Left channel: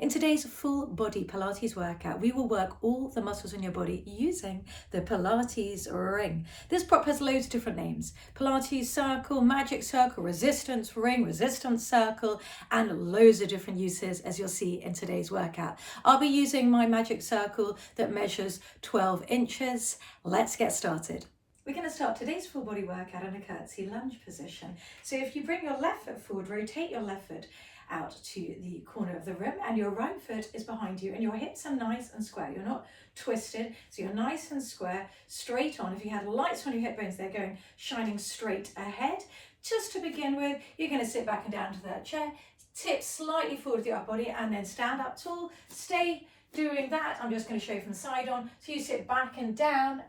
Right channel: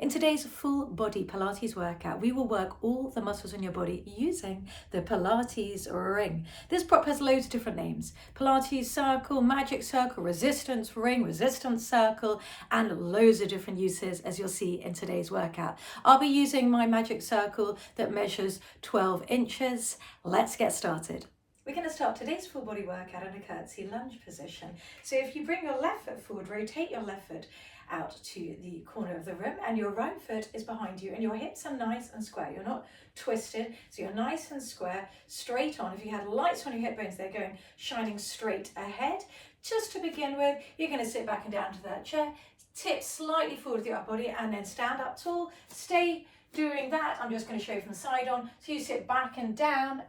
In today's full body Pilates workout, we will work all the muscles in your body using the Pilates ring. This prop has loads of different names: Pilates Circle, Magic Circle, Resistance Ring, Resistance Circle, and loads of different uses, as you'll see in today's workout. I'll be using my Magic Circle that measures 12 inches. Let's get started. We're going to start today's full body workout in a curtsy lunge position. So if you bring your left foot forward, rotate your left foot out to the corner of the room, and your right foot is behind you, and your hips are nice and square. You're not twisted, so you're nice and square, straight on. If you had lights on your hip bones, they're going shining straight ahead. Just to begin with, you're going to sit back and down to that chair, tip slightly forward with your upper body, and then stand up tall. Stay doing that. I'm just going to show you from the side on. So you sit back and down,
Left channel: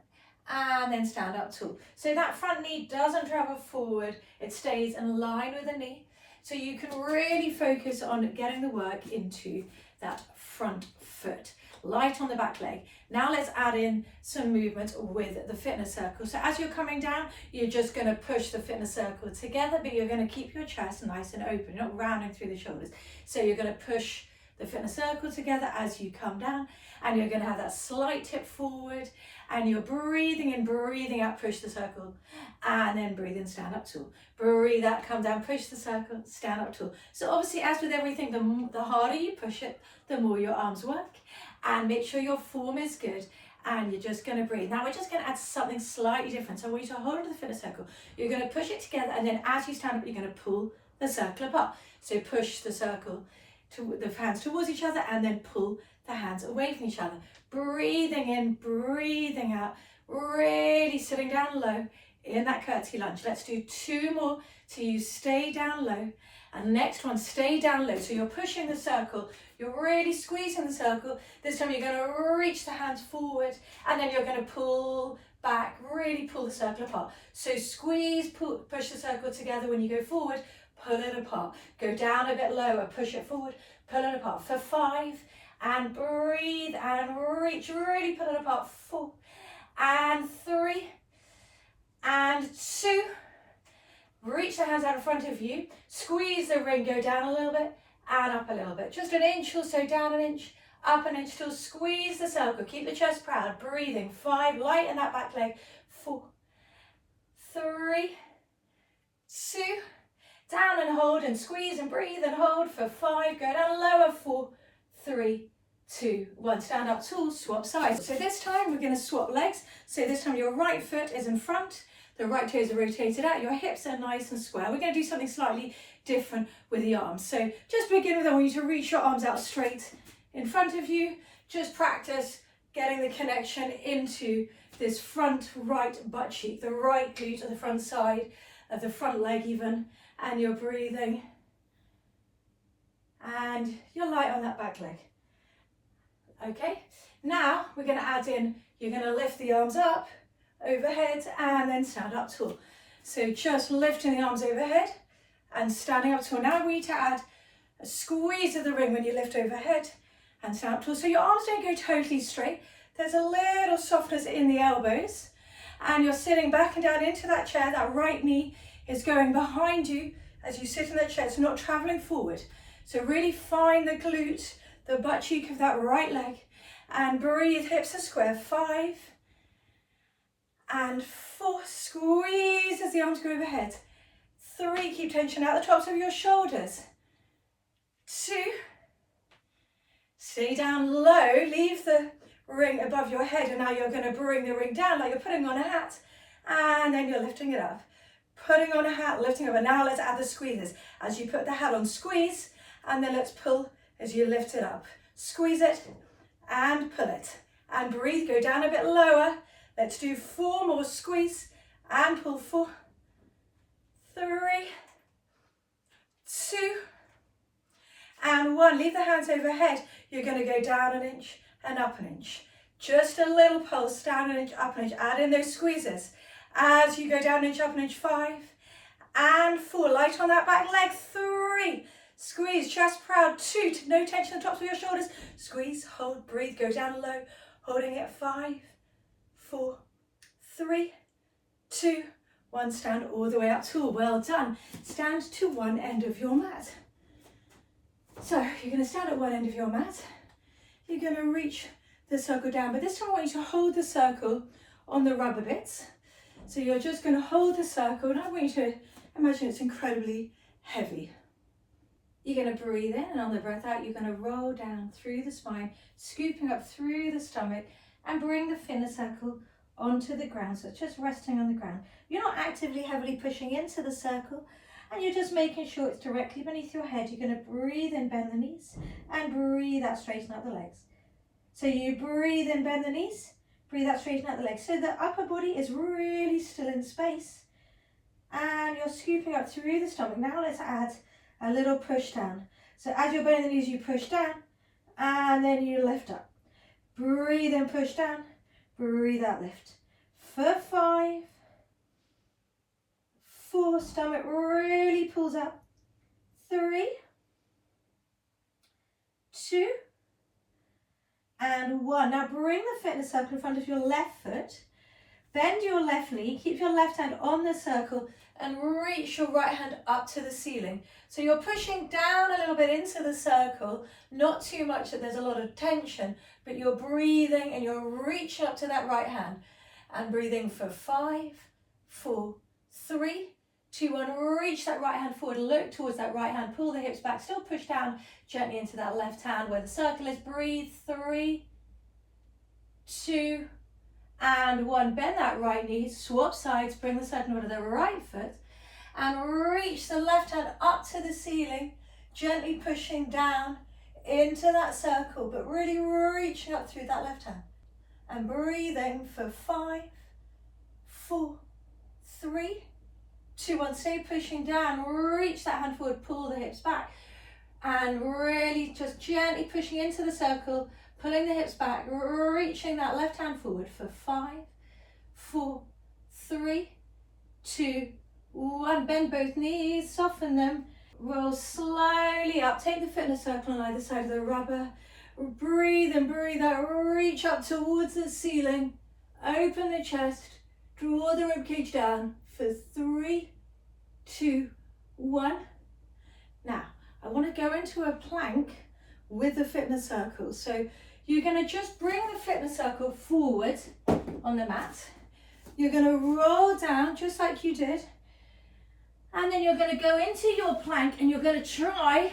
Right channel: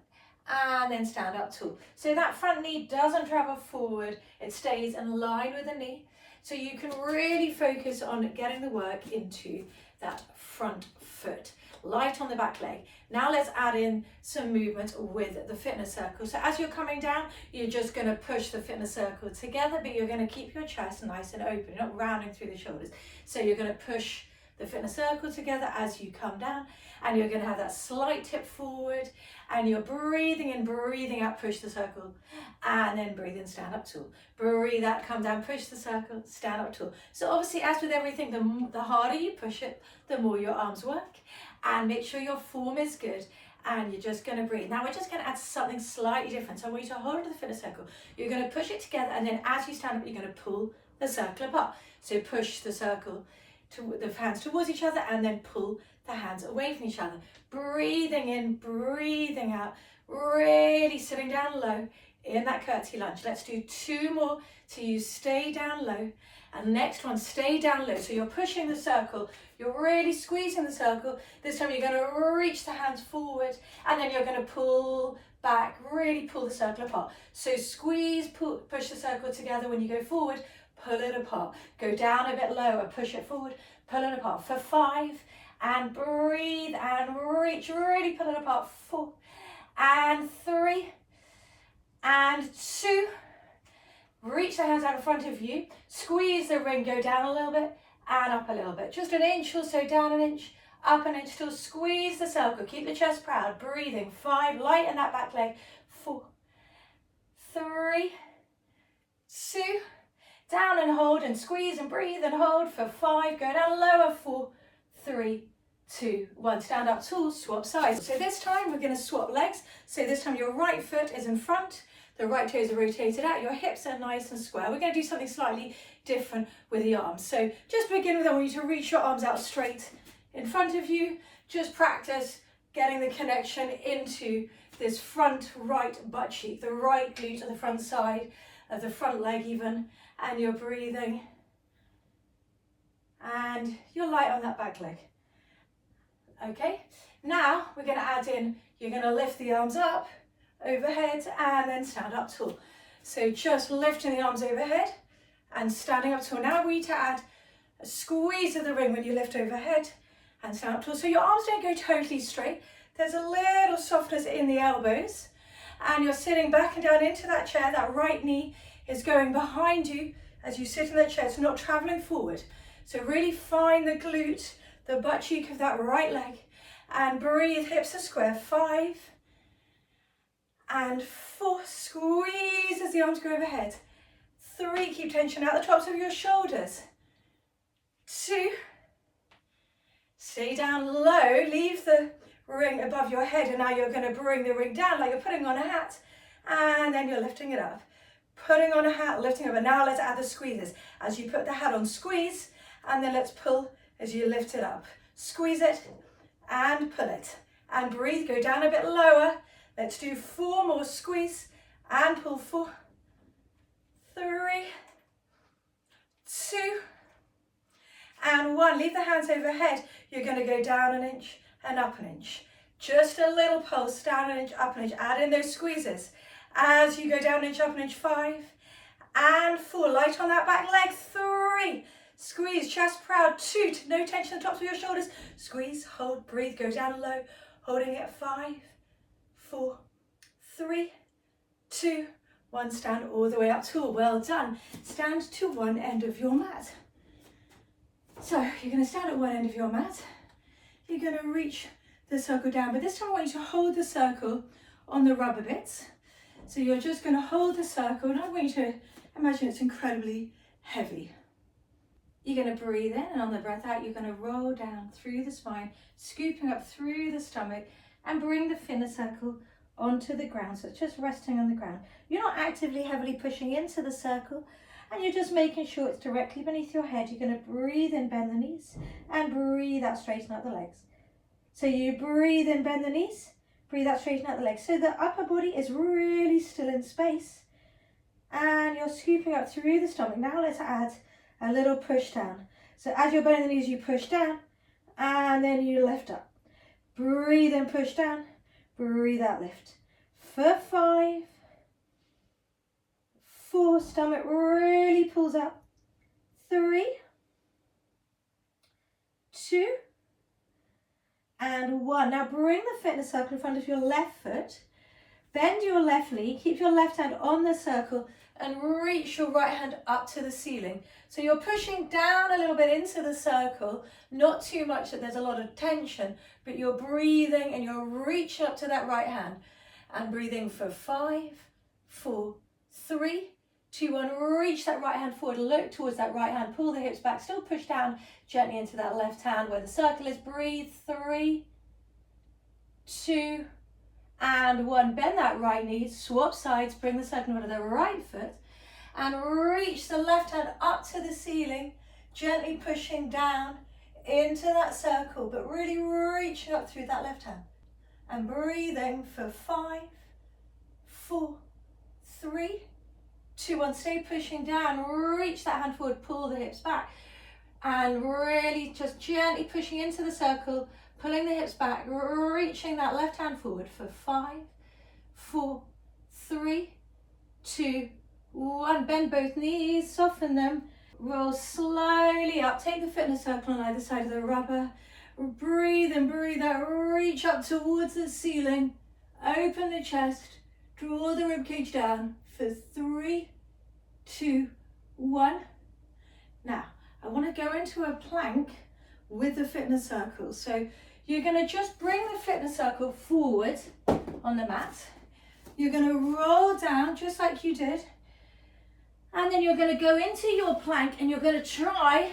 and then stand up tall. So that front knee doesn't travel forward, it stays in line with the knee. So you can really focus on getting the work into that front foot. Light on the back leg. Now let's add in some movement with the fitness circle. So as you're coming down, you're just going to push the fitness circle together, but you're going to keep your chest nice and open. You're not rounding through the shoulders. So you're going to push the fitness circle together as you come down, and you're going to have that slight tip forward, and you're breathing in, breathing out, push the circle, and then breathe in, stand up tall. Breathe out, come down, push the circle, stand up tall. So obviously, as with everything, the harder you push it, the more your arms work, and make sure your form is good, and you're just going to breathe. Now we're just going to add something slightly different. So I want you to hold onto the fitness circle. You're going to push it together, and then as you stand up, you're going to pull the circle apart. So push the circle to the hands towards each other, and then pull the hands away from each other. Breathing in, breathing out, really sitting down low in that curtsy lunge. Let's do two more till you stay down low. And next one, stay down low. So you're pushing the circle, you're really squeezing the circle. This time you're going to reach the hands forward, and then you're going to pull back, really pull the circle apart. So squeeze, pull, push the circle together. When you go forward, pull it apart. Go down a bit lower, push it forward, pull it apart for 5, and breathe and reach, really pull it apart. 4 and 3 and 2. Reach the hands out in front of you, squeeze the ring, go down a little bit and up a little bit. Just an inch or so, down an inch, up an inch, till squeeze the circle. Keep the chest proud, breathing. 5, lighten that back leg. 4, 3, 2, down and hold, and squeeze and breathe and hold for 5. Go down lower. 4, 3, 2, 1. Stand up tall, swap sides. So this time we're going to swap legs. So this time your right foot is in front, the right toes are rotated out, your hips are nice and square. We're going to do something slightly different with the arms. So just to begin with, I want you to reach your arms out straight in front of you. Just practice getting the connection into this front right butt cheek, the right glute on the front side of the front leg even, and you're breathing and you're light on that back leg. Okay, now we're going to add in, you're going to lift the arms up overhead and then stand up tall. So just lifting the arms overhead and standing up tall. Now I want you to add a squeeze of the ring when you lift overhead and stand up tall. So your arms don't go totally straight. There's a little softness in the elbows, and you're sitting back and down into that chair. That right knee is going behind you as you sit in that chair. It's not traveling forward. So really find the glute, the butt cheek of that right leg, and breathe, hips are square. 5 and 4, squeeze as the arms go overhead. 3, keep tension out the tops of your shoulders. 2, stay down low, leave the ring above your head, and now you're going to bring the ring down like you're putting on a hat, and then you're lifting it up. Putting on a hat, lifting up, and now let's add the squeezes. As you put the hat on, squeeze, and then let's pull as you lift it up. Squeeze it and pull it, and breathe, go down a bit lower. Let's do 4 more, squeeze and pull. 4, 3, 2 and 1. Leave the hands overhead. You're going to go down an inch and up an inch. Just a little pulse, down an inch, up an inch. Add in those squeezes as you go down an inch, up an inch. 5 and 4. Light on that back leg. 3. Squeeze, chest proud. 2, no tension on the tops of your shoulders. Squeeze, hold, breathe, go down low. Holding it. 5, 4, 3, 2, 1. Stand all the way up tall. Well done. Stand to one end of your mat. So you're going to stand at one end of your mat. You're going to reach the circle down, but this time I want you to hold the circle on the rubber bits. So you're just going to hold the circle, and I want you to imagine it's incredibly heavy. You're going to breathe in, and on the breath out, you're going to roll down through the spine, scooping up through the stomach, and bring the inner circle onto the ground. So it's just resting on the ground. You're not actively heavily pushing into the circle, and you're just making sure it's directly beneath your head. You're going to breathe in, bend the knees, and breathe out, straighten out the legs. So you breathe in, bend the knees, breathe out, straighten out the legs. So the upper body is really still in space, and you're scooping up through the stomach. Now let's add a little push down. So as you're bending the knees, you push down, and then you lift up. Breathe in, push down, breathe out, lift. For 5, 4, stomach really pulls up. 3, 2, and 1. Now bring the fitness circle in front of your left foot. Bend your left knee, keep your left hand on the circle, and reach your right hand up to the ceiling. So you're pushing down a little bit into the circle, not too much that there's a lot of tension, but you're breathing and you're reaching up to that right hand. And breathing for 5, 4, 3, 2, 1. Reach that right hand forward, look towards that right hand, pull the hips back, still push down gently into that left hand where the circle is. Breathe, 3, 2, and 1. Bend that right knee, swap sides, bring the circle onto the right foot, and reach the left hand up to the ceiling, gently pushing down into that circle, but really reaching up through that left hand. And breathing for 5, 4, 3, 2, 1. Stay pushing down, reach that hand forward, pull the hips back, and really just gently pushing into the circle, pulling the hips back, reaching that left hand forward for 5, 4, 3, 2, 1. Bend both knees, soften them, roll slowly up. Take the fitness circle on either side of the rubber. Breathe in, breathe out, reach up towards the ceiling, open the chest, draw the ribcage down for 3, 2, 1. Now, I want to go into a plank with the fitness circle. So you're going to just bring the fitness circle forward on the mat. You're going to roll down just like you did. And then you're going to go into your plank and you're going to try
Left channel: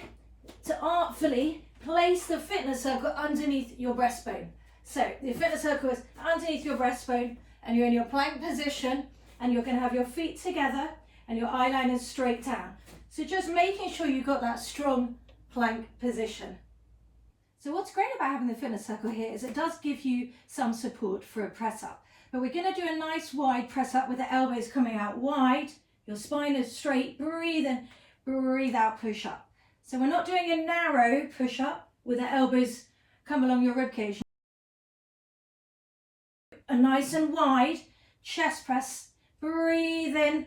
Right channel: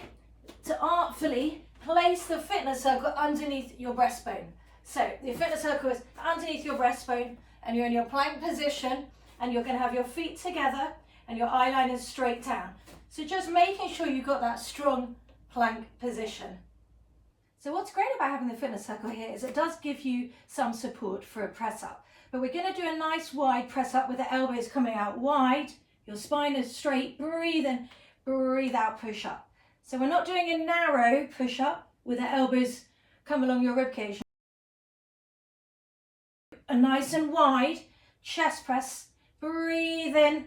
to artfully place the fitness circle underneath your breastbone. So the fitness circle is underneath your breastbone and you're in your plank position and you're going to have your feet together and your eye line is straight down. So just making sure you've got that strong plank position. So what's great about having the fitness circle here is it does give you some support for a press up. But we're going to do a nice wide press up with the elbows coming out wide. Your spine is straight. Breathe in, breathe out, push up. So we're not doing a narrow push up with the elbows come along your ribcage. A nice and wide chest press. Breathe in,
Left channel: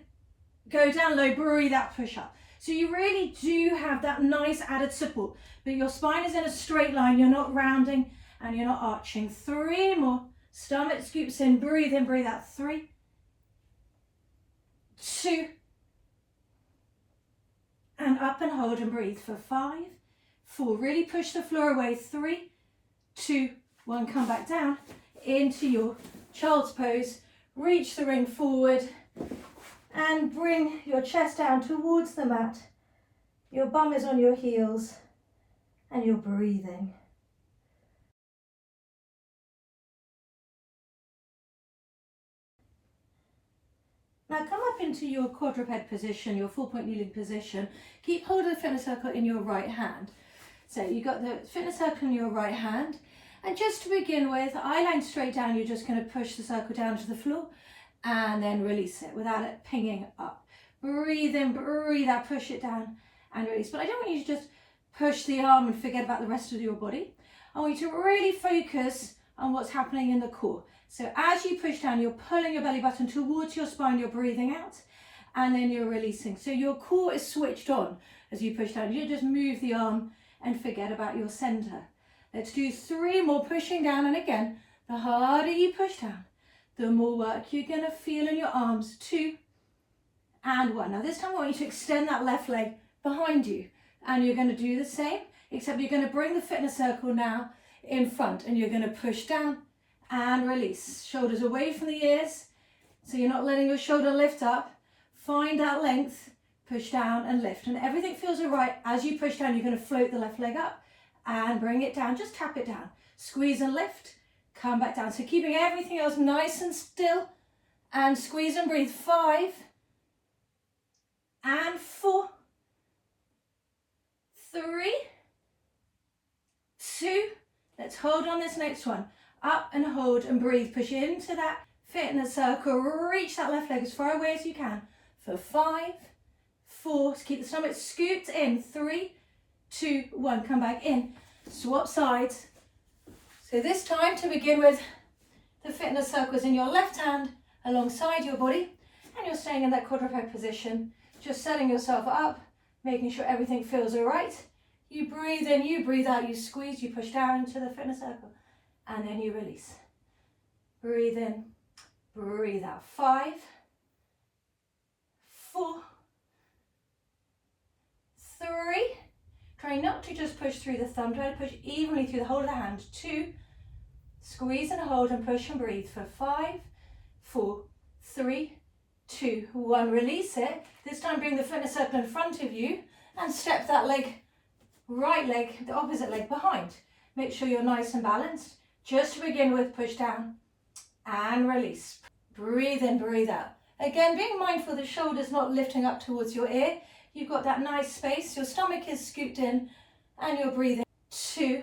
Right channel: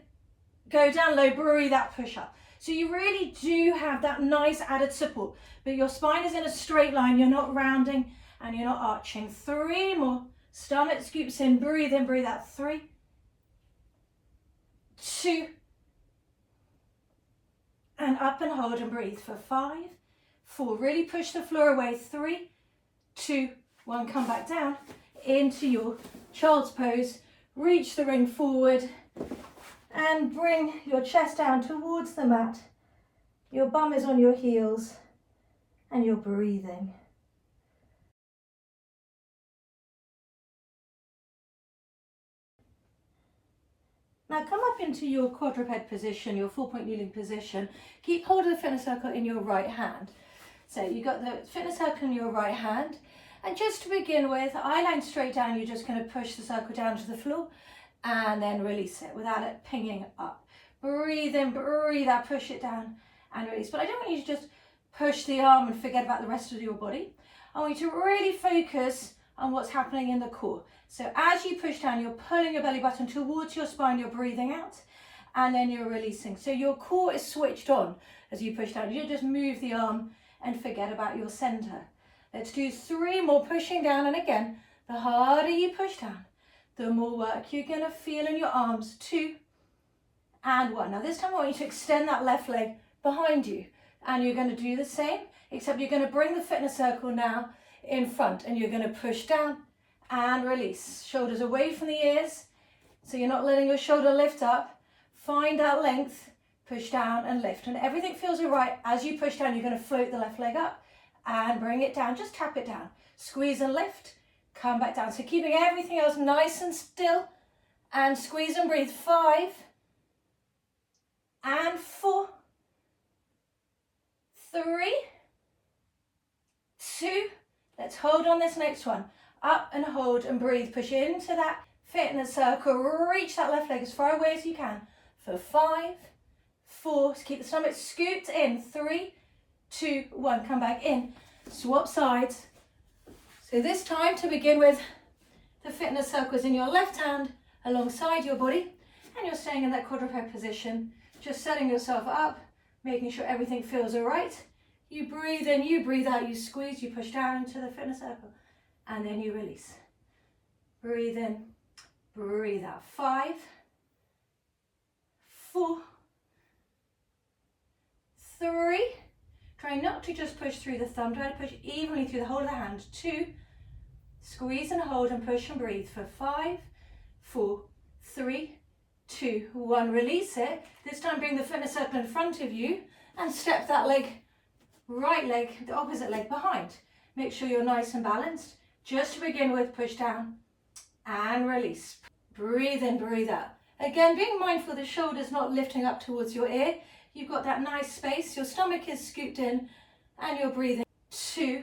go down low, breathe out, push up. So you really do have that nice added support, but your spine is in a straight line. You're not rounding and you're not arching. 3 more. Stomach scoops in, breathe out. 3, 2, and up and hold and breathe for 5, 4. Really push the floor away. 3, 2, 1. Come back down into your child's pose. Reach the ring forward and bring your chest down towards the mat. Your bum is on your heels and you're breathing. Now come up into your quadruped position, your 4-point kneeling position. Keep hold of the fitness circle in your right hand. So you've got the fitness circle in your right hand. And just to begin with, eye line straight down, you're just going to push the circle down to the floor and then release it without it pinging up. Breathe in, breathe out, push it down and release. But I don't want you to just push the arm and forget about the rest of your body. I want you to really focus on what's happening in the core. So as you push down, you're pulling your belly button towards your spine, you're breathing out, and then you're releasing. So your core is switched on as you push down. You don't just move the arm and forget about your center. Let's do 3 more, pushing down, and again, the harder you push down, the more work you're gonna feel in your arms. 2 and 1. Now this time I want you to extend that left leg behind you, and you're gonna do the same. except you're going to bring the fitness circle now in front and you're going to push down and release. Shoulders away from the ears, so you're not letting your shoulder lift up. Find that length, push down and lift. And everything feels all right. As you push down, you're going to float the left leg up and bring it down. Just tap it down. Squeeze and lift, come back down. So keeping everything else nice and still, and squeeze and breathe. 5 and 4, 3, 2. Let's hold on this next one. Up and hold and breathe. Push into that fitness circle. Reach that left leg as far away as you can. For 5, 4. Keep the stomach scooped in. 3, 2, 1. Come back in. Swap sides. So this time, to begin with, the fitness circle is in your left hand alongside your body, and you're staying in that quadruped position, just setting yourself up, making sure everything feels all right. You breathe in, you breathe out, you squeeze, you push down into the fitness circle, and then you release. Breathe in, breathe out. 5, 4, 3. Try not to just push through the thumb, try to push evenly through the whole of the hand. 2, squeeze and hold and push and breathe for 5, 4, 3, 2, 1. Release it. This time bring the fitness circle in front of you and step that leg, right leg, the opposite leg behind. Make sure you're nice and balanced. Just to begin with, push down and release. Breathe in, breathe out. Again, being mindful the shoulders not lifting up towards your ear. You've got that nice space. Your stomach is scooped in and you're breathing. 2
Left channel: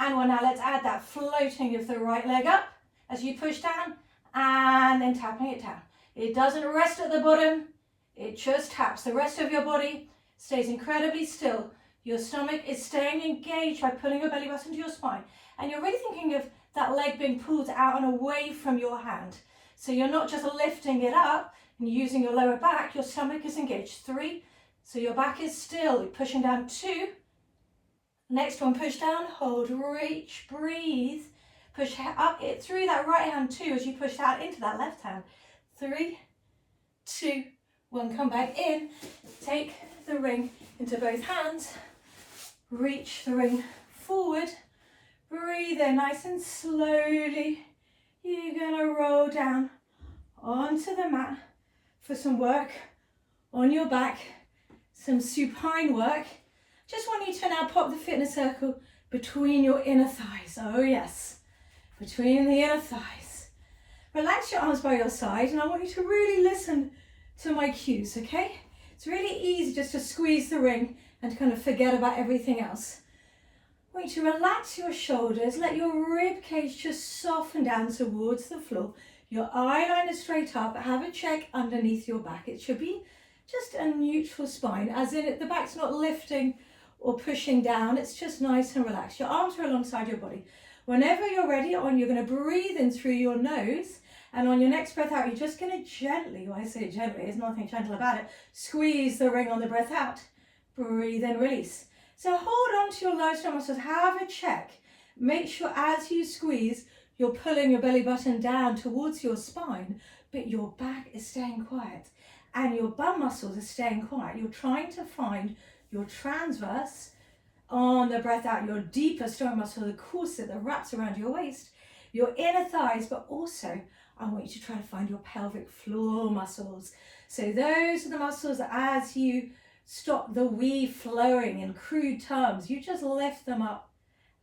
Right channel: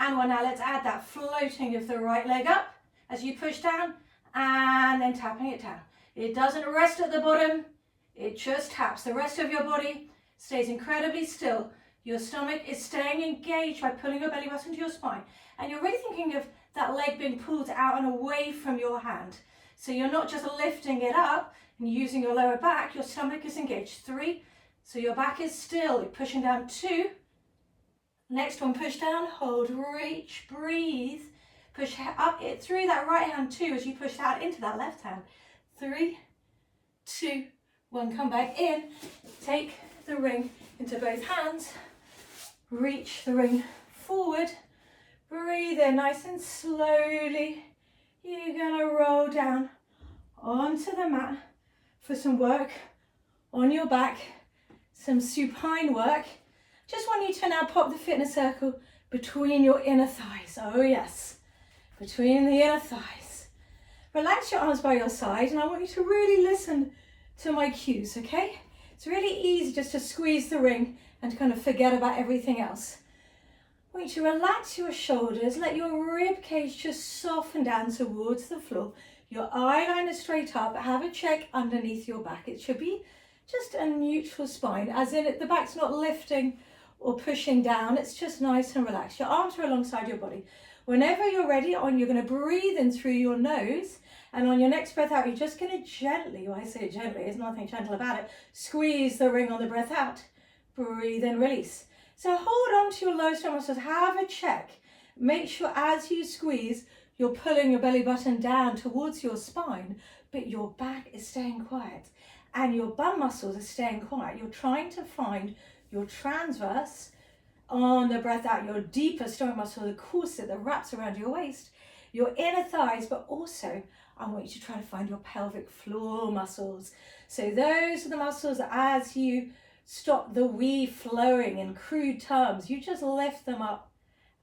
and 1. Now let's add that floating of the right leg up as you push down and then tapping it down. It doesn't rest at the bottom. It just taps. The rest of your body stays incredibly still. Your stomach is staying engaged by pulling your belly button to your spine. And you're really thinking of that leg being pulled out and away from your hand. So you're not just lifting it up and using your lower back. Your stomach is engaged. 3. So your back is still. You're pushing down. 2. Next one, push down, hold, reach, breathe. Push up it through that right hand 2 as you push out into that left hand. 3, 2, 1. Come back in. Take the ring into both hands. Reach the ring forward. Breathe in nice and slowly. You're going to roll down onto the mat for some work on your back, some supine work. Just want you to now pop the fitness circle between your inner thighs. Oh yes, between the inner thighs. Relax your arms by your side, and I want you to really listen to my cues, okay? It's really easy just to squeeze the ring and to kind of forget about everything else. I want you to relax your shoulders, let your rib cage just soften down towards the floor. Your eyeliner straight up, have a check underneath your back. It should be just a neutral spine, as in the back's not lifting or pushing down, it's just nice and relaxed. Your arms are alongside your body. Whenever you're ready, you're going to breathe in through your nose, and on your next breath out, you're just going to gently, when I say gently, there's nothing gentle about it, squeeze the ring on the breath out. Breathe in, release. So hold on to your lower stomach muscles, have a check. Make sure as you squeeze, you're pulling your belly button down towards your spine, but your back is staying quiet and your bum muscles are staying quiet. You're trying to find your transverse on the breath out, your deeper stomach muscle, the corset that wraps around your waist, your inner thighs, but also I want you to try to find your pelvic floor muscles. So those are the muscles that as you stop the wee flowing in crude terms, you just lift them up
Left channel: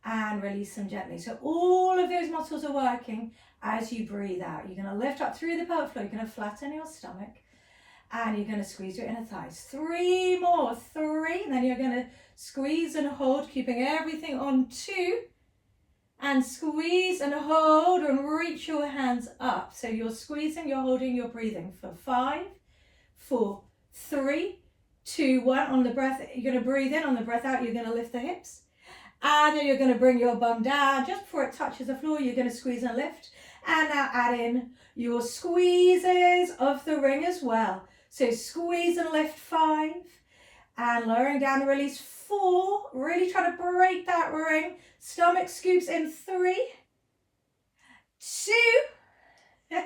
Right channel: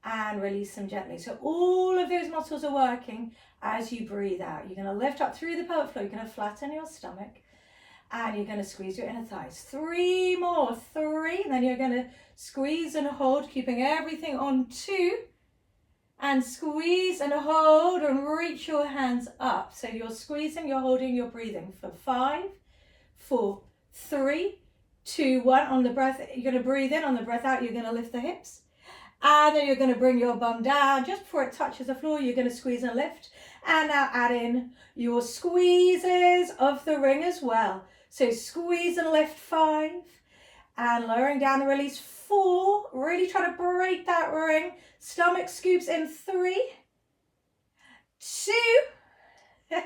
and release them gently. So all of those muscles are working as you breathe out. You're going to lift up through the pelvic floor, you're going to flatten your stomach, and you're going to squeeze your inner thighs. 3 more, 3, and then you're going to squeeze and hold, keeping everything on 2, and squeeze and hold and reach your hands up. So you're squeezing, you're holding, you're breathing for 5, 4, 3, 2, 1. On the breath, you're going to breathe in. On the breath out, you're going to lift the hips. And then you're going to bring your bum down. Just before it touches the floor, you're going to squeeze and lift. And now add in your squeezes of the ring as well. So squeeze and lift 5. And lowering down the release 4. Really try to break that ring. Stomach scoops in 3, 2.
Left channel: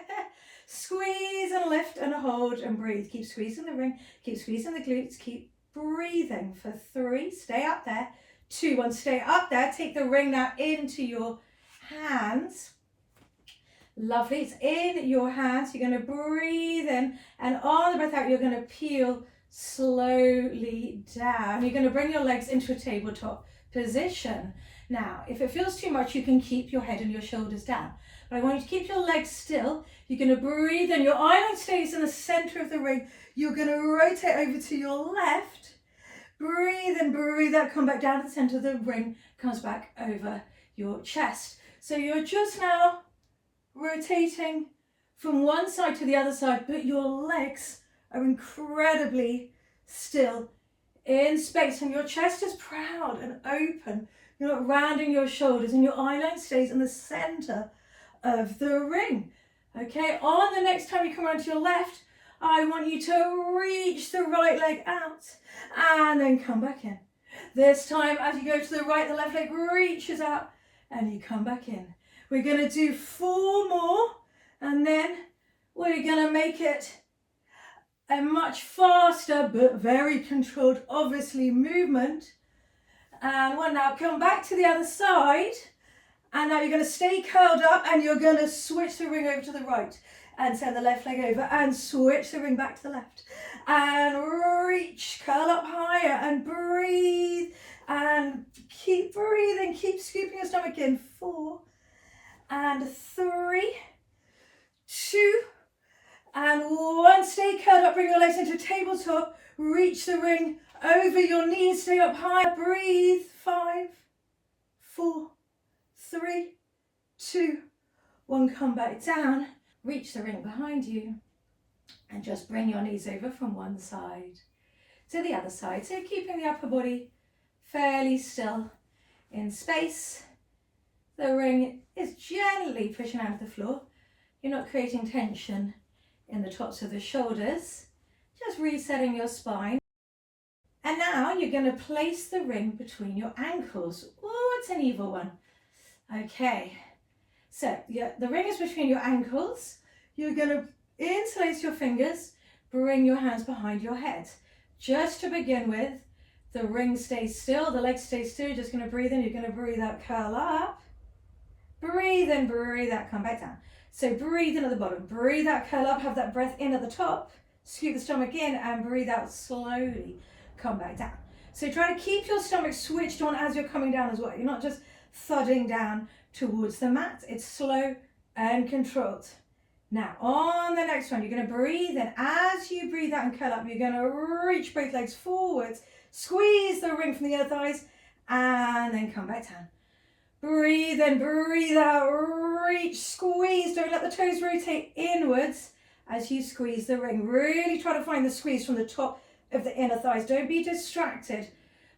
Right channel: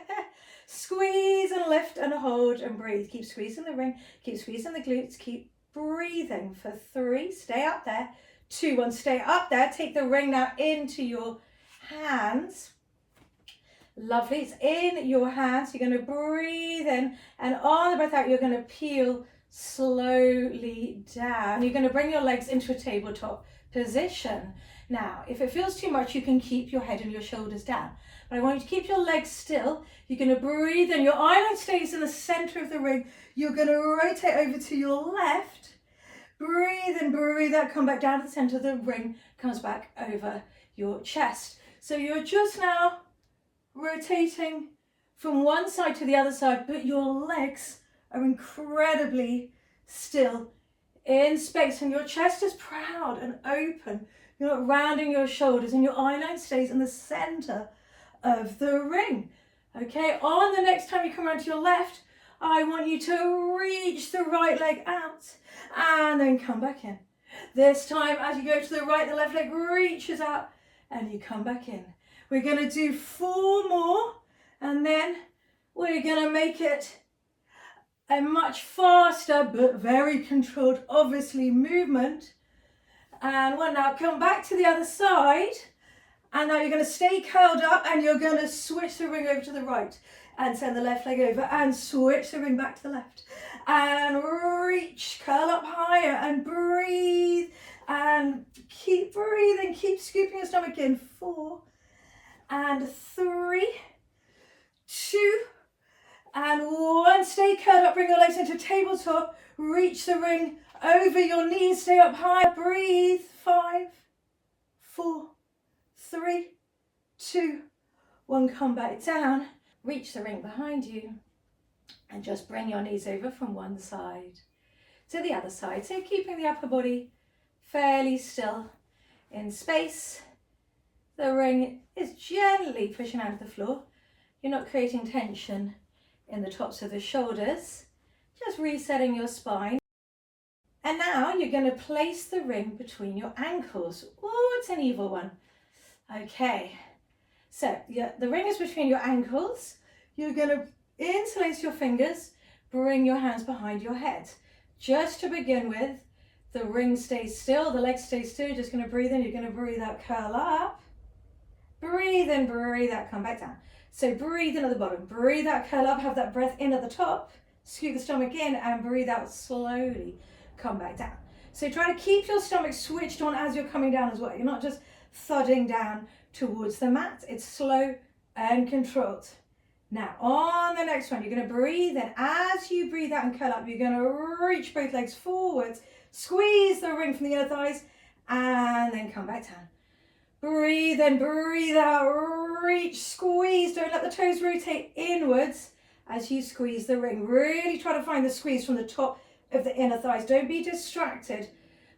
Squeeze and lift and hold and breathe. Keep squeezing the ring. Keep squeezing the glutes. Keep breathing for 3. Stay up there. 2, 1. Stay up there. Take the ring now into your hands. Lovely. It's in your hands. You're going to breathe in, and on the breath out, you're going to peel slowly down. You're going to bring your legs into a tabletop position. Now, if it feels too much, you can keep your head and your shoulders down. But I want you to keep your legs still. You're going to breathe in. Your eye line stays in the center of the ring. You're going to rotate over to your left. Breathe in, breathe out. Come back down to the center of the ring. Comes back over your chest. So you're just now rotating from one side to the other side, but your legs are incredibly still in space, and your chest is proud and open. You're not rounding your shoulders, and your eye line stays in the center of the ring. Okay, on the next time you come around to your left, I want you to reach the right leg out and then come back in. This time, as you go to the right, the left leg reaches out and you come back in. We're going to do 4 more, and then we're going to make it a much faster but very controlled, obviously, movement. And we'll now come back to the other side, and now you're going to stay curled up, and you're going to switch the ring over to the right and send the left leg over and switch the ring back to the left and reach, curl up higher and breathe and keep breathing, keep scooping your stomach in. 4 and 3, 2 and 1. Stay curled up, bring your legs into tabletop, reach the ring over your knees, stay up high, breathe. 5, 4, 3, 2, 1. Come back down, reach the ring behind you and just bring your knees over from one side to the other side. So keeping the upper body fairly still in space. The ring is gently pushing out of the floor. You're not creating tension in the tops of the shoulders, just resetting your spine. And now you're going to place the ring between your ankles. Oh, it's an evil one. Okay, so the ring is between your ankles. You're going to interlace your fingers, bring your hands behind your head. Just to begin with, the ring stays still, the legs stay still. You're just going to breathe in, you're going to breathe out, curl up. Breathe in, breathe out, come back down. So breathe in at the bottom, breathe out, curl up, have that breath in at the top, scoop the stomach in and breathe out slowly, come back down. So try to keep your stomach switched on as you're coming down as well. You're not just thudding down towards the mat. It's slow and controlled. Now on the next one, you're going to breathe in. As you breathe out and curl up, you're going to reach both legs forwards, squeeze the ring from the inner thighs and then come back down. Breathe in, breathe out, reach, squeeze. Don't let the toes rotate inwards as you squeeze the ring. Really try to find the squeeze from the top of the inner thighs. Don't be distracted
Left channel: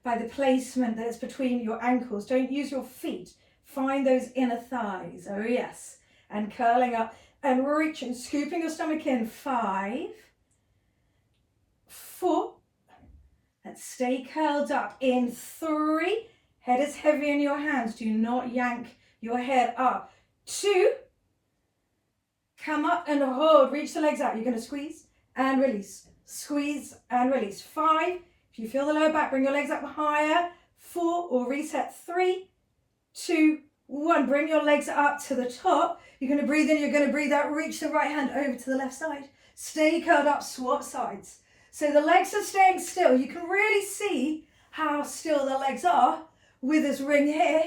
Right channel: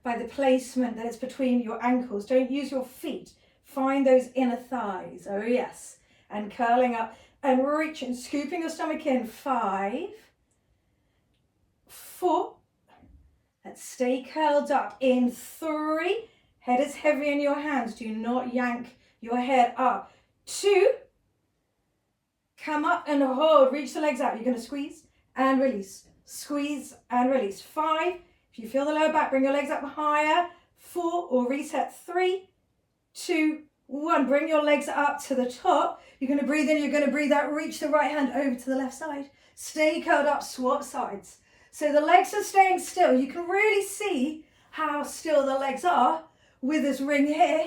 by the placement that's between your ankles. Don't use your feet. Find those inner thighs. Oh yes. And curling up and reaching, scooping your stomach in. 5, 4. Let's stay curled up in 3. Head is heavy in your hands. Do not yank your head up. 2. Come up and hold. Reach the legs out. You're going to squeeze and release. Squeeze and release. 5. If you feel the lower back, bring your legs up higher. 4 or reset. 3, 2, 1. Bring your legs up to the top. You're going to breathe in. You're going to breathe out. Reach the right hand over to the left side. Stay curled up. Swap sides. So the legs are staying still. You can really see how still the legs are with this ring here.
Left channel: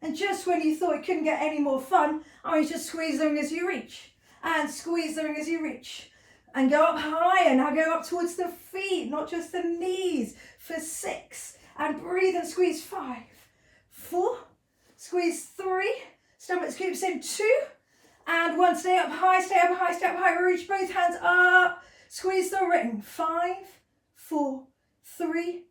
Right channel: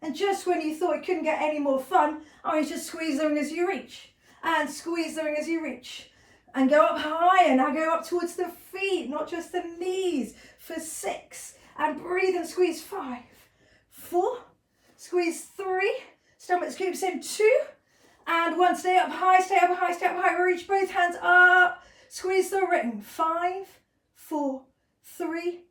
And just when you thought it couldn't get any more fun, I want you to squeeze the ring as you reach and squeeze the ring as you reach and go up higher. Now go up towards the feet, not just the knees, for 6 and breathe and squeeze. 5, 4, squeeze 3, stomach scoops in. 2 and 1. Stay up high, stay up high, stay up high. Reach both hands up, squeeze the ring. 5, 4, 3,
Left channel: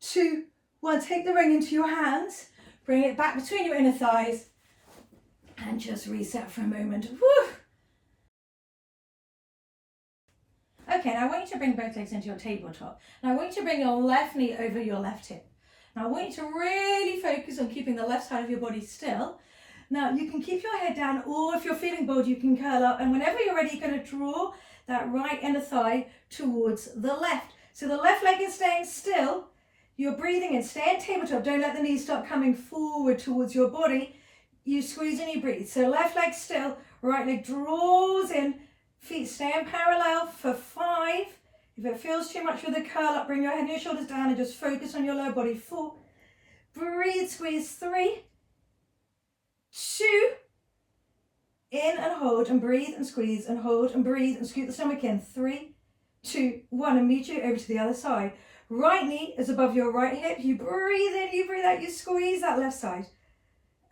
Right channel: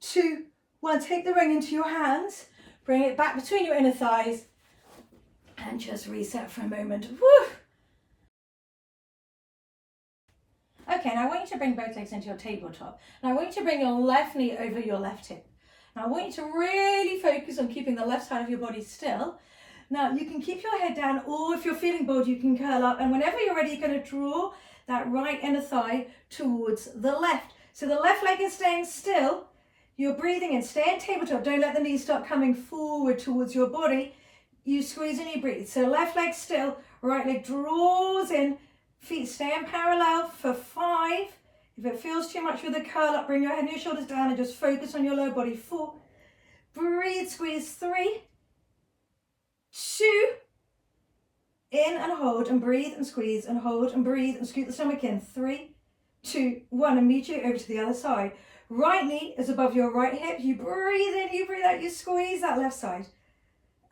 2, 1. Take the ring into your hands, bring it back between your inner thighs and just reset for a moment. Woo! Okay, now I want you to bring both legs into your tabletop. Now I want you to bring your left knee over your left hip. Now I want you to really focus on keeping the left side of your body still. Now you can keep your head down, or if you're feeling bored, you can curl up. And whenever you're ready, you're going to draw that right inner thigh towards the left. So the left leg is staying still. You're breathing in, stay in tabletop. Don't let the knees start coming forward towards your body. You squeeze and you breathe. So left leg still, right leg draws in, feet stay in parallel for 5. If it feels too much with the curl up, bring your head and your shoulders down and just focus on your lower body. 4, breathe, squeeze. 3, 2, in and hold and breathe and squeeze and hold and breathe and scoot the stomach in. 3, 2, 1, immediately over to the other side. Right knee is above your right hip. You breathe in, you breathe out, you squeeze that left side.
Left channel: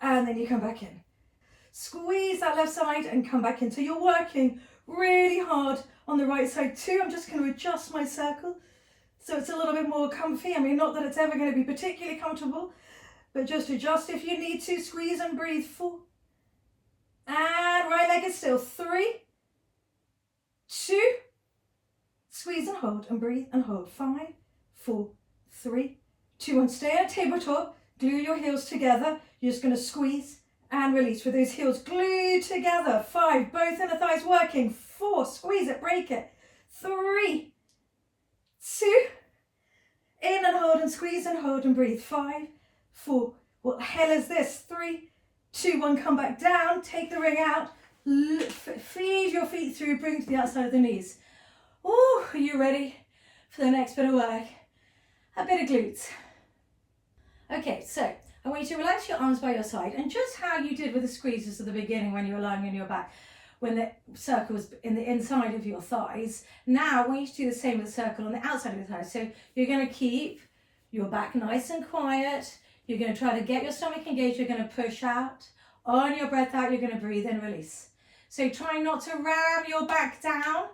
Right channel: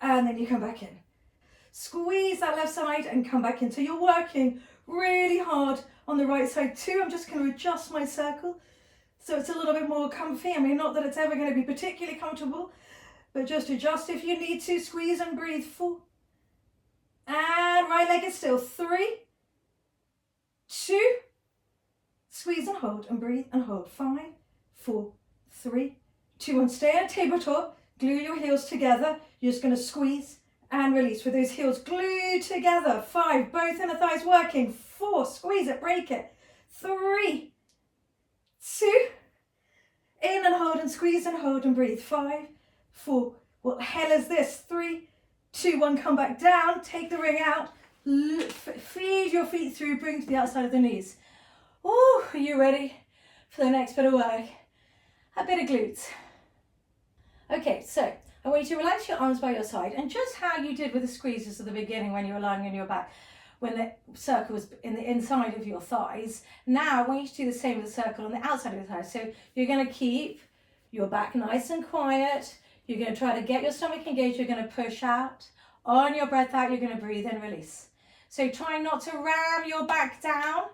And then you come back in. Squeeze that left side and come back in. So you're working really hard on the right side too. I'm just going to adjust my circle so it's a little bit more comfy. I mean, not that it's ever going to be particularly comfortable, but just adjust if you need to. Squeeze and breathe. 4. And right leg is still. 3, 2, squeeze and hold and breathe and hold. 5, 4, 3, 2, 1. Stay at tabletop. Glue your heels together. You're just going to squeeze and release with those heels glued together. 5, both inner thighs working. 4, squeeze it, break it. 3, 2, in and hold and squeeze and hold and breathe. 5, 4, what the hell is this? 3, 2, 1, come back down, take the ring out, feed your feet through, bring to the outside of the knees. Oh, are you ready for the next bit of work? A bit of glutes. Okay, so I want you to relax your arms by your side, and just how you did with the squeezes at the beginning when you were lying on your back, when the circle was in the inside of your thighs. Now I want you to do the same with the circle on the outside of your thighs. So you're going to keep your back nice and quiet. You're going to try to get your stomach engaged. You're going to push out. On your breath out, you're going to breathe in, release. So trying not to ram your back down,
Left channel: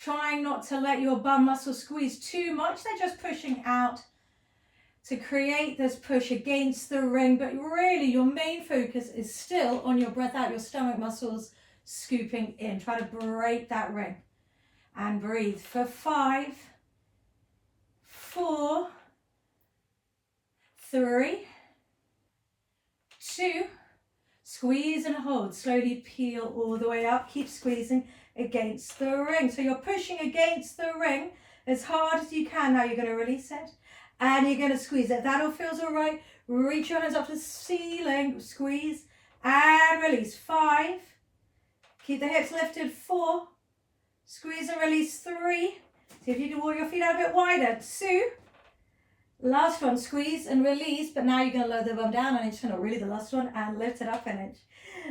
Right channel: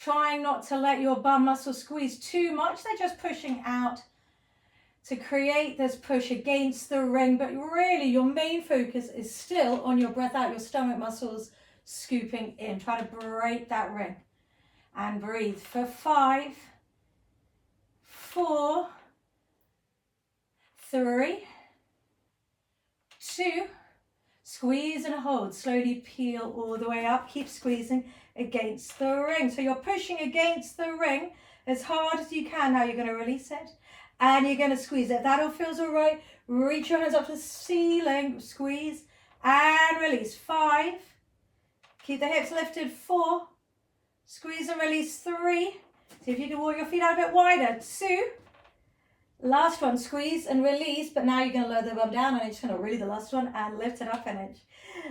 trying not to let your bum muscle squeeze too much. They're just pushing out to create this push against the ring, but really your main focus is still on your breath out, your stomach muscles scooping in. Try to break that ring and breathe for 5, 4, 3, 2, squeeze and hold. Slowly peel all the way up. Keep squeezing against the ring. So you're pushing against the ring as hard as you can. Now you're going to release it and you're going to squeeze it. That all feels all right. Reach your hands up to the ceiling. Squeeze and release. 5. Keep the hips lifted. 4. Squeeze and release. 3. See if you can walk your feet out a bit wider. 2. Last one, squeeze and release, but now you're going to lower the bum down an inch, not really the last one, and lift it up an inch.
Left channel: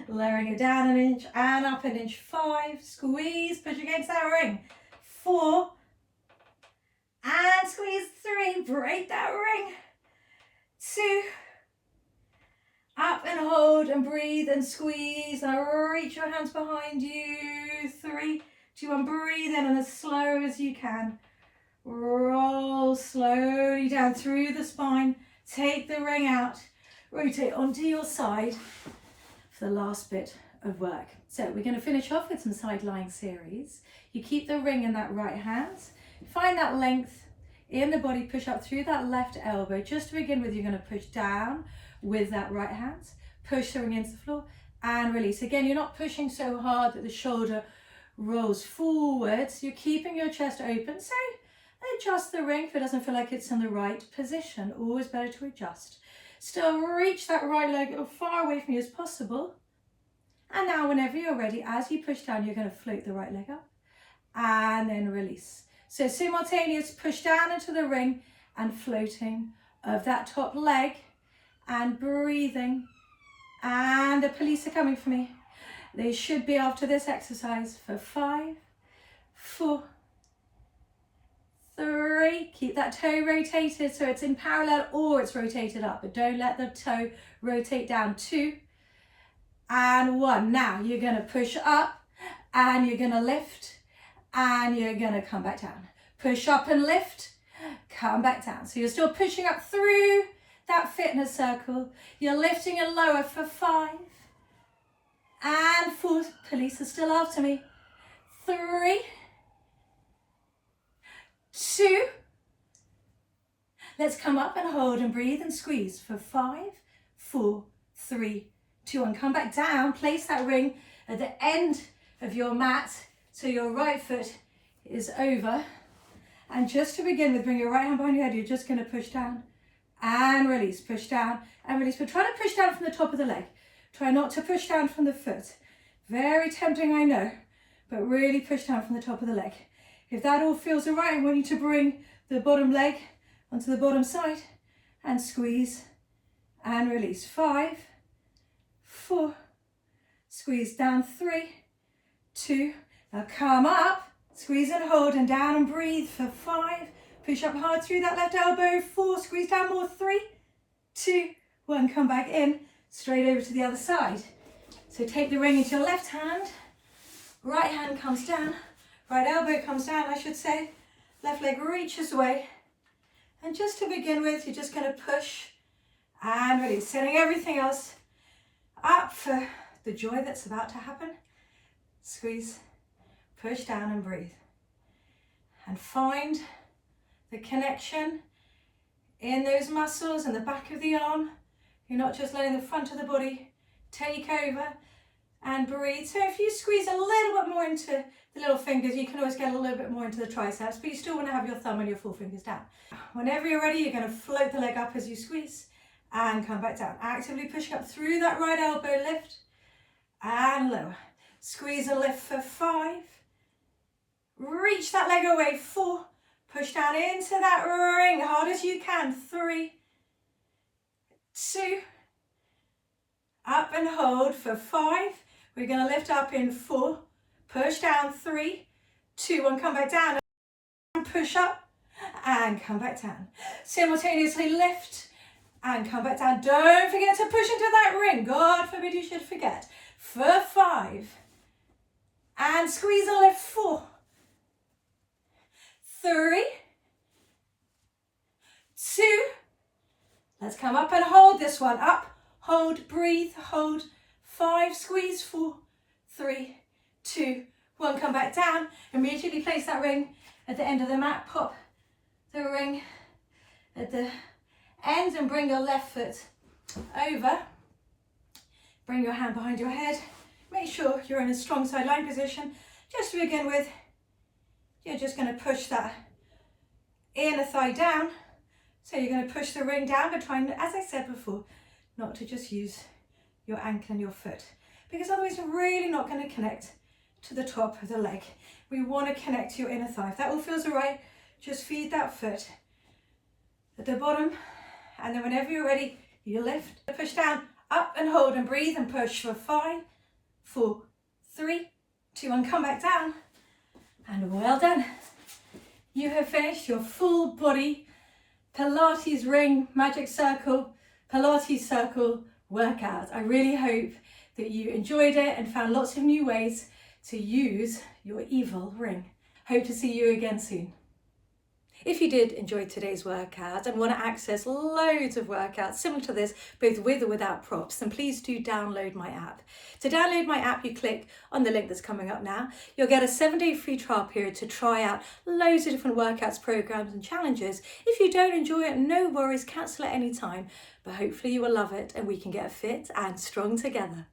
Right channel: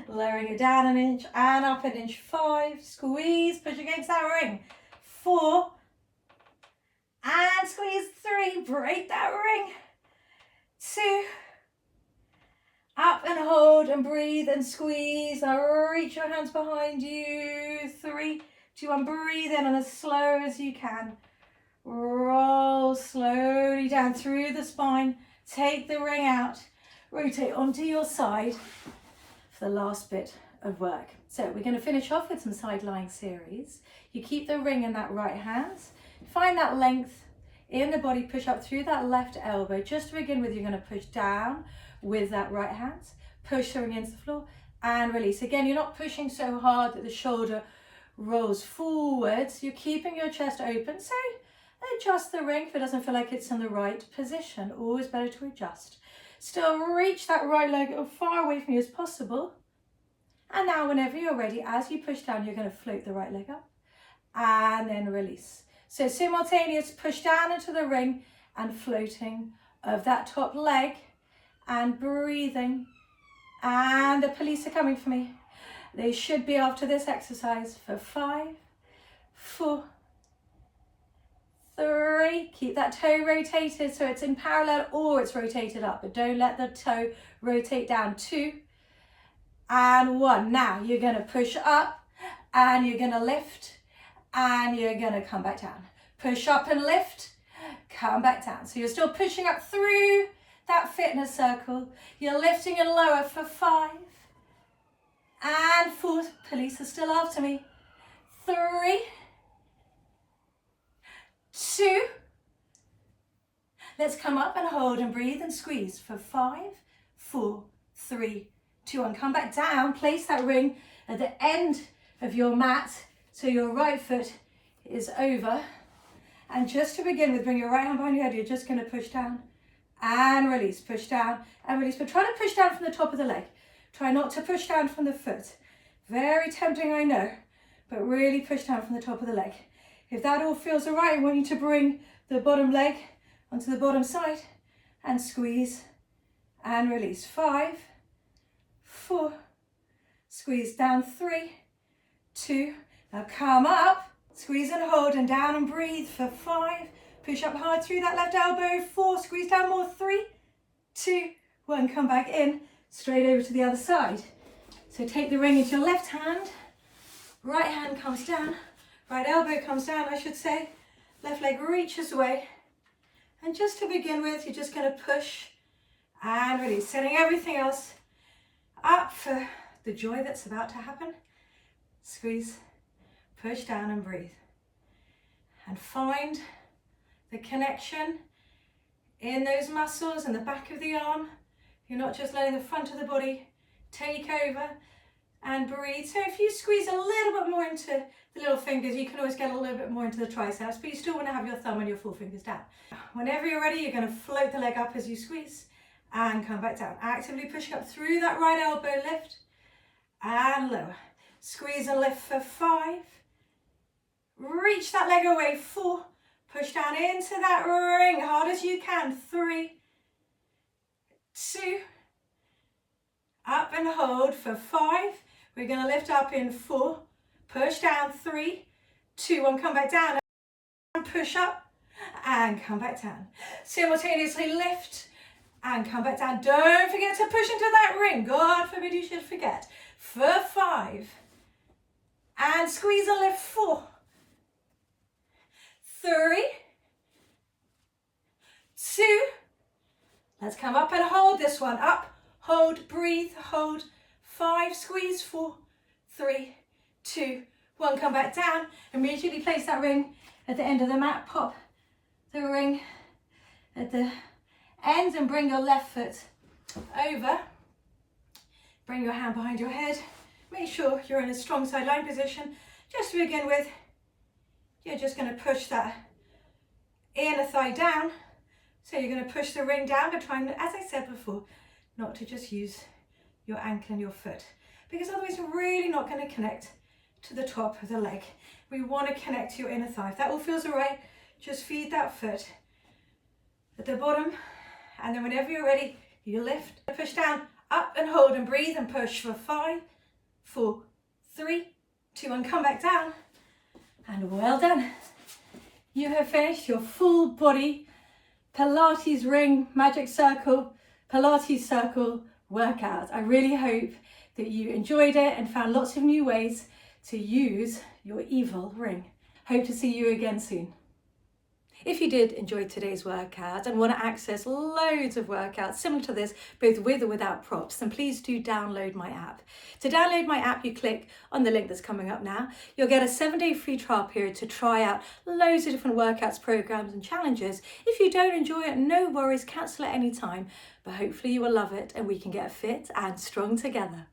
Lowering it down an inch and up an inch. 5, squeeze, push against that ring. 4, and squeeze. 3, break that ring. 2, up and hold and breathe and squeeze. Now reach your hands behind you. 3, 2, 1, breathe in and as slow as you can. Roll slowly down through the spine. Take the ring out. Rotate onto your side for the last bit of work. So we're going to finish off with some side lying series. You keep the ring in that right hand. Find that length in the body. Push up through that left elbow. Just to begin with, you're going to push down with that right hand. Push the ring into the floor and release. Again, you're not pushing so hard that the shoulder rolls forwards. You're keeping your chest open. So adjust the ring if it doesn't feel like it's in the right position. Always better to adjust. Still reach that right leg as far away from you as possible. And now whenever you're ready, as you push down, you're going to float the right leg up and then release. So simultaneous push down into the ring and floating of that top leg and breathing. And the police are coming for me. They should be after this exercise for 5, 4, 3, keep that toe rotated so it's in parallel or it's rotated up, but don't let the toe rotate down. 2 and 1. Now you're going to push up and you're going to lift and you're going to come back down. Push up and lift, come back down. So you're still pushing up through that fitness circle. You're lifting and lower for 5 and 4. Police are still after me. 3, 2. Let's come up and hold and breathe and squeeze for 5, 4, 3, 2, and come back down. Place that ring at the end of your mat so your right foot is over. And just to begin with, bring your right hand behind your head. You're just going to push down and release. Push down and release, but try to push down from the top of the leg. Try not to push down from the foot. Very tempting, I know, but really push down from the top of the leg. If that all feels all right, I want you to bring the bottom leg onto the bottom side and squeeze and release. 5, 4, squeeze down. 3, 2, now come up, squeeze and hold and down and breathe for 5. Push up hard through that left elbow. 4, squeeze down more. 3, 2, 1, come back in, straight over to the other side. So take the ring into your left hand, right hand comes down, right elbow comes down, I should say. Left leg reaches away. And just to begin with, you're just going to push and release, setting everything else up for the joy that's about to happen. Squeeze, push down and breathe. And find the connection in those muscles and the back of the arm. You're not just letting the front of the body take over, and breathe. So if you squeeze a little bit more into the little fingers, you can always get a little bit more into the triceps, but you still want to have your thumb and your forefingers down. Whenever you're ready, you're going to float the leg up as you squeeze and come back down. Actively pushing up through that right elbow, lift and lower. Squeeze and lift for 5. Reach that leg away. 4. Push down into that ring hard as you can. 3, 2, up and hold for 5. We're going to lift up in 4, push down. 3, 2, 1, come back down and push up and come back down. Simultaneously lift and come back down. Don't forget to push into that ring. God forbid you should forget. For 5 and squeeze and lift. 4, 3, 2, let's come up and hold this one. Up, hold, breathe, hold. 5, squeeze. 4, 3, 2, 1, come back down. Immediately place that ring at the end of the mat. Pop the ring at the ends and bring your left foot over. Bring your hand behind your head. Make sure you're in a strong side lying position. Just to begin with, you're just going to push that inner thigh down. So you're going to push the ring down, but try and, as I said before, not to just use your ankle and your foot, because otherwise you're really not going to connect to the top of the leg. We want to connect to your inner thigh. If that all feels all right, just feed that foot at the bottom, and then whenever you're ready, you lift, push down, up and hold and breathe and push for 5, 4, 3, 2, 1, come back down, and well done. You have finished your full body Pilates ring, magic circle, Pilates circle workout. I really hope that you enjoyed it and found lots of new ways to use your evil ring. Hope to see you again soon. If you did enjoy today's workout and want to access loads of workouts similar to this, both with or without props, then please do download my app. To download my app, you click on the link that's coming up now. You'll get a 7-day free trial period to try out loads of different workouts, programs and challenges. If you don't enjoy it, no worries, cancel at any time, but hopefully you will love it and we can get fit and strong together.